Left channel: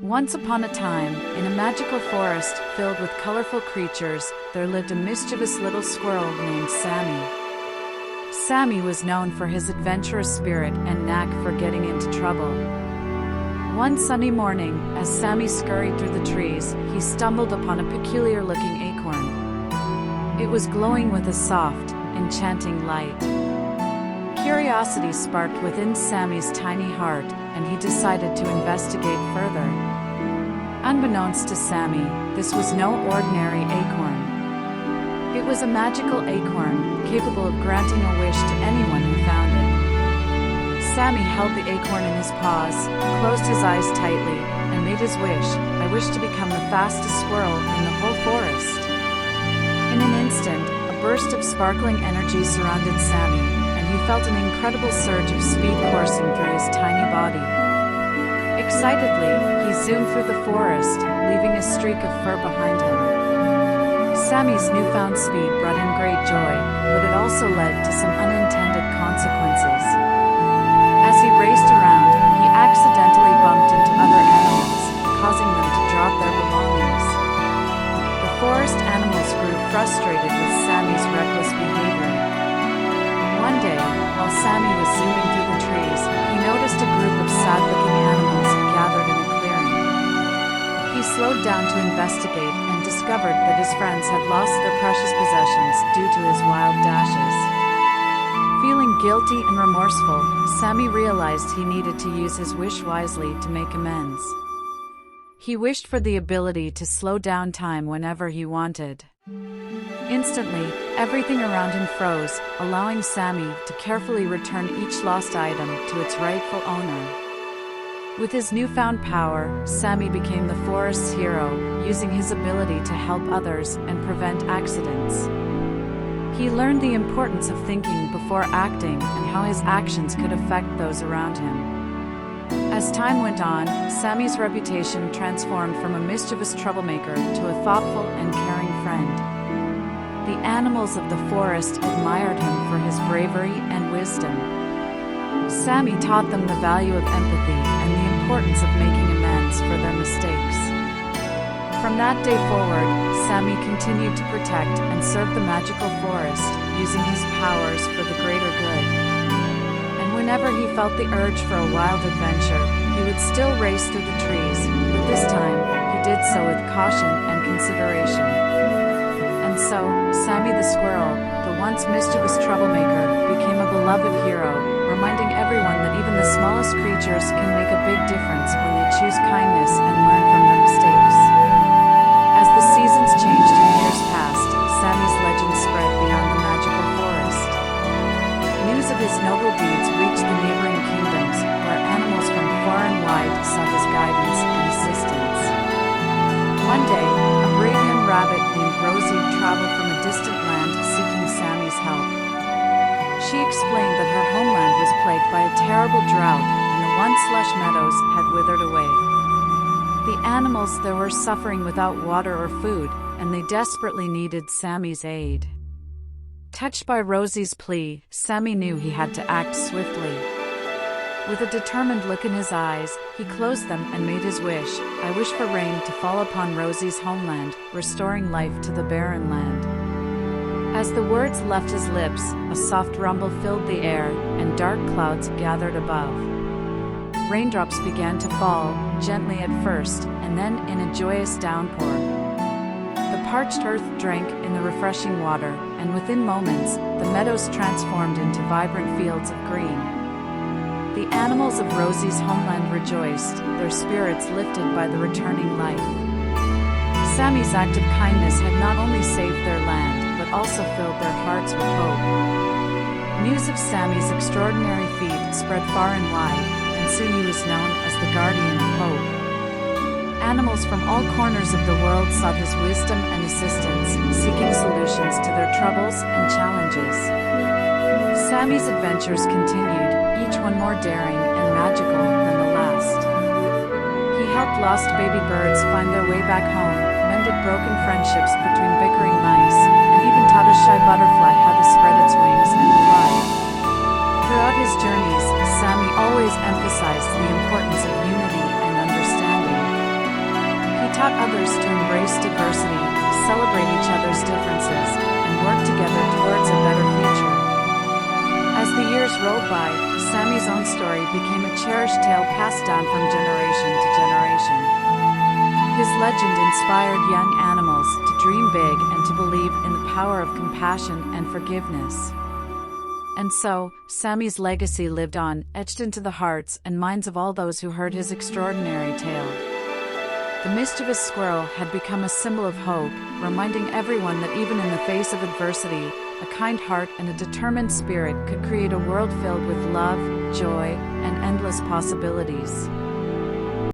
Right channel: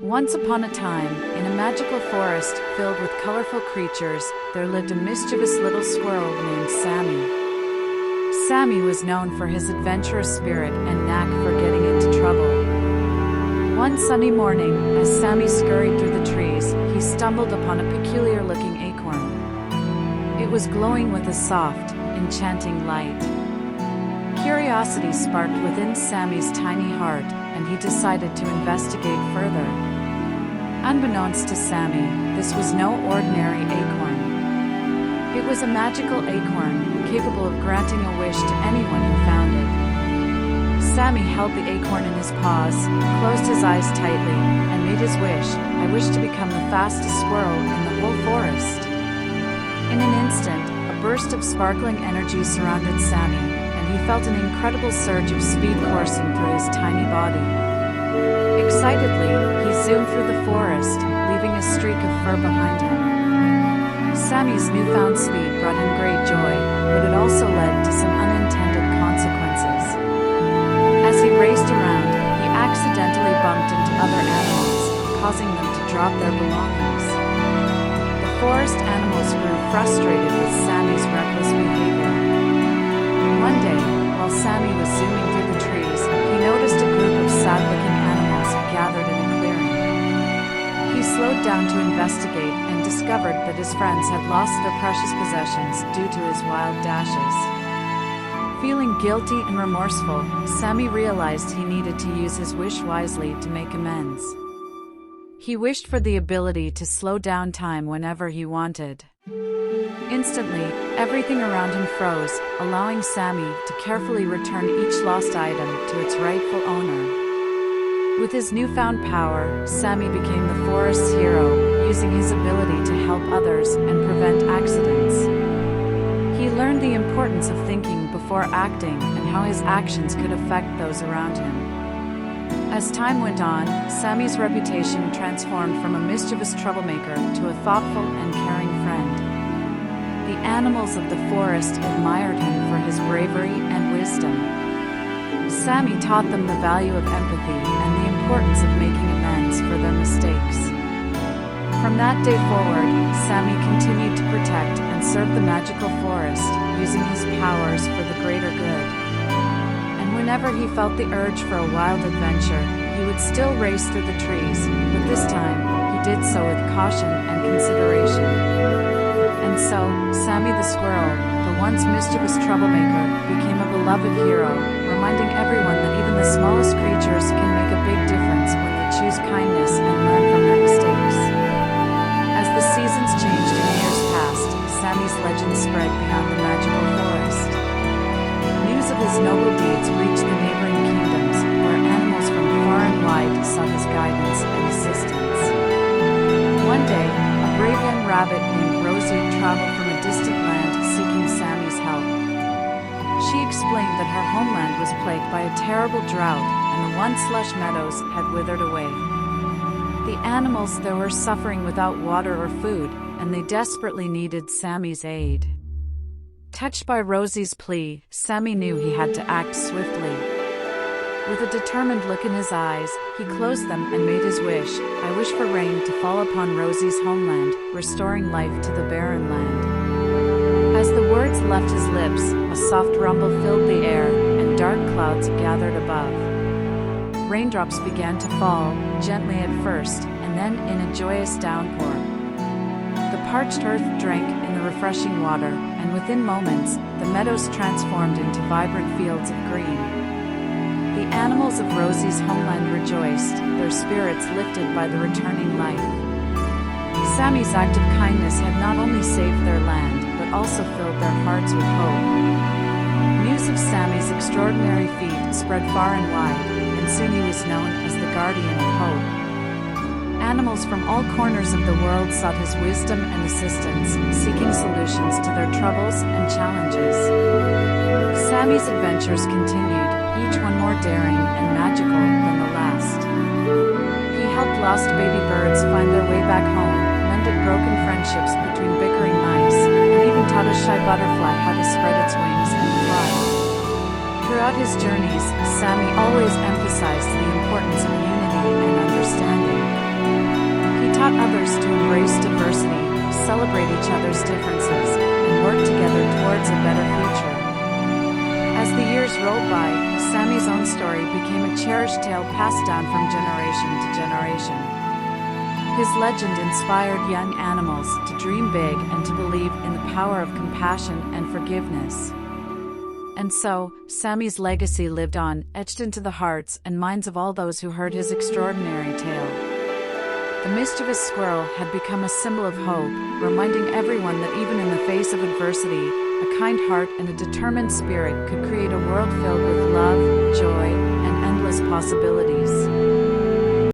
Once upon a time, in a magical forest filled with colorful creatures, there lived a mischievous little squirrel named Sammy. Sammy was known for his adventurous spirit and knack for getting into trouble. One sunny morning, as Sammy scurried through the trees, he stumbled upon a peculiar-looking acorn. It was glowing with a soft, enchanting light. Curiosity sparked within Sammy's tiny heart, and he decided to investigate further. Unbeknownst to Sammy, this was no ordinary acorn. It was a magical acorn, capable of granting a wish to anyone who found it. Sammy held the acorn in his paws, closed his eyes tightly, and made his wish. "I wish to become the fastest squirrel in the whole forest." In an instant, a burst of sparkling energy surrounded Sammy, and he felt an incredible surge of speed coursing through his tiny body. Excitedly, he zoomed through the forest, leaving a streak of fur behind him. Sammy's newfound speed brought him great joy, but it also led to some unintended consequences. As he raced around, he accidentally bumped into other animals, causing them to drop their belongings. The forest animals grew frustrated with Sammy's reckless behavior. One day, while Sammy was zooming through the trees, he noticed a group of sad-looking animals gathered in a clearing. He slowed down to investigate and discovered that his friends had lost their precious possessions due to his wild dashes. Feeling guilty and remorseful, Sammy realized he needed to use his wish wisely to make amends. He wished for the ability to slow down time whenever he wanted. Instantly, everything around him froze, allowing Sammy to carefully return each lost item to its rightful owner. With his newfound power, Sammy became the forest's hero, using his ability to help others and prevent accidents. He learned the importance of thinking before acting and how his actions could affect those around him. As time went on, Sammy's reputation transformed from a mischievous troublemaker to a thoughtful and caring friend. The animals of the forest admired him for his bravery and wisdom. Sammy taught them the value of empathy and the importance of making amends for their mistakes. From that day forward, Sammy continued to protect and serve the magical forest, using his powers for the greater good. And whenever he felt the urge for a wild adventure, he would still race through the trees, but this time, he did so with caution and consideration. And so, Sammy the squirrel, the once mischievous troublemaker, became a beloved hero, reminding everyone that even the smallest creatures can make a big difference when they choose kindness and learn from their mistakes. As the seasons changed and years passed, Sammy's legend spread beyond the magical forest. News of his noble deeds reached the neighboring kingdoms, where animals from far and wide sought his guidance and assistance. One day, a brave young rabbit named Rosie traveled from a distant land seeking Sammy's help. She explained that her homeland was plagued by a terrible drought, and the once lush meadows had withered away. The animals there were suffering without water or food, and they desperately needed Sammy's aid. Touched by Rosie's plea, Sammy knew he had to act swiftly. With a determined look in his eyes, he closed them and made his wish. "I wish for rain to fall upon Rosie's homeland, restoring life to the barren land." As the words left his lips, a soft rumble filled the air, and dark clouds gathered above. Raindrops began to fall, gently at first, and then in a joyous downpour. The parched earth drank in the refreshing water, and within moments, the meadows transformed into vibrant fields of green. The animals of Rosie's homeland rejoiced, their spirits lifted by the returning life. Sammy's act of kindness had not only saved their land, but also filled their hearts with hope. News of Sammy's extraordinary feat spread far and wide, and soon he was known as the Guardian of Hope. Animals from all corners of the world sought his wisdom and assistance, seeking solutions to their troubles and challenges. Sammy's adventures continued, each one more daring and magical than the last. He helped lost baby birds find their way back home, mended broken friendships between bickering mice, and even taught a shy butterfly how to spread its wings and fly. Throughout his journeys, Sammy always emphasized the importance of unity and understanding. taught others to embrace diversity, celebrate each other's differences, and work together towards a better future. As the years rolled by, Sammy's own story became a cherished tale passed down from generation to generation. His legend inspired young animals to dream big and to believe in the power of compassion and forgiveness. And so, Sammy's legacy lived on, etched into the hearts and minds of all those who heard his extraordinary tale. The mischievous squirrel had become a symbol of hope, reminding everyone that even in the face of adversity, a kind heart and a determined spirit could create a world filled with love, joy, and endless possibilities.